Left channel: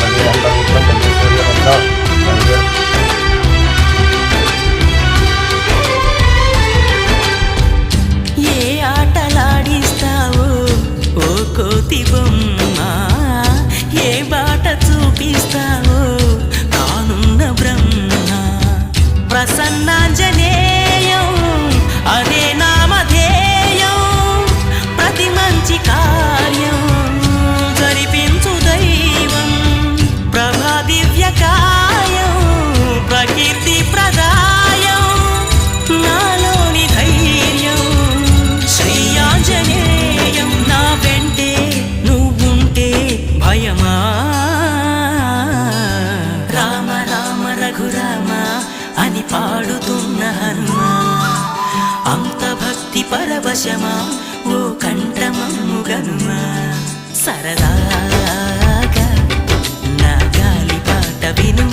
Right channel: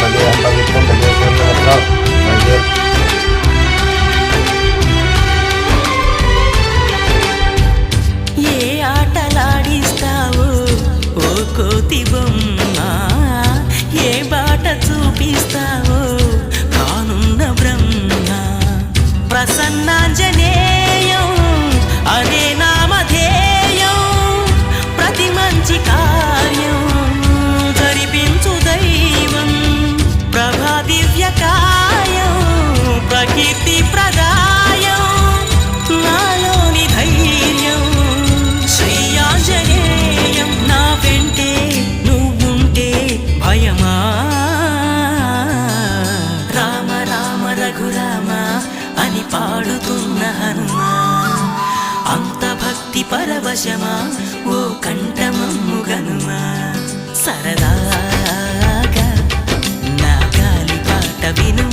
భజేహం పవిత్రం భజే సూర్యవంతం భజే. ఏ ఆటలాడిస్తావో ఓ కోతి బొమ్మ, ఏ బాట చూపిస్తావో కానున్న బ్రహ్మ. ప్రసన్నాంజనేయం అనే నామధేయం, ప్రతి మంచి కార్యం జరిపించు దైవం. ప్రభా దివ్యకాయం ప్రకీర్తి ప్రదాయం, నాలోని ధైర్యం శ్రీ ఆంజనేయం. నా వెంటే నువ్వుంటే భయమా? రామ రామ రఘురామ అని పాడుతున్న హనుమా, అంత భక్తి పరవశమా ఓ కంఠమమ్ము గనుమా. సరదాగా నా గాలి పాట విను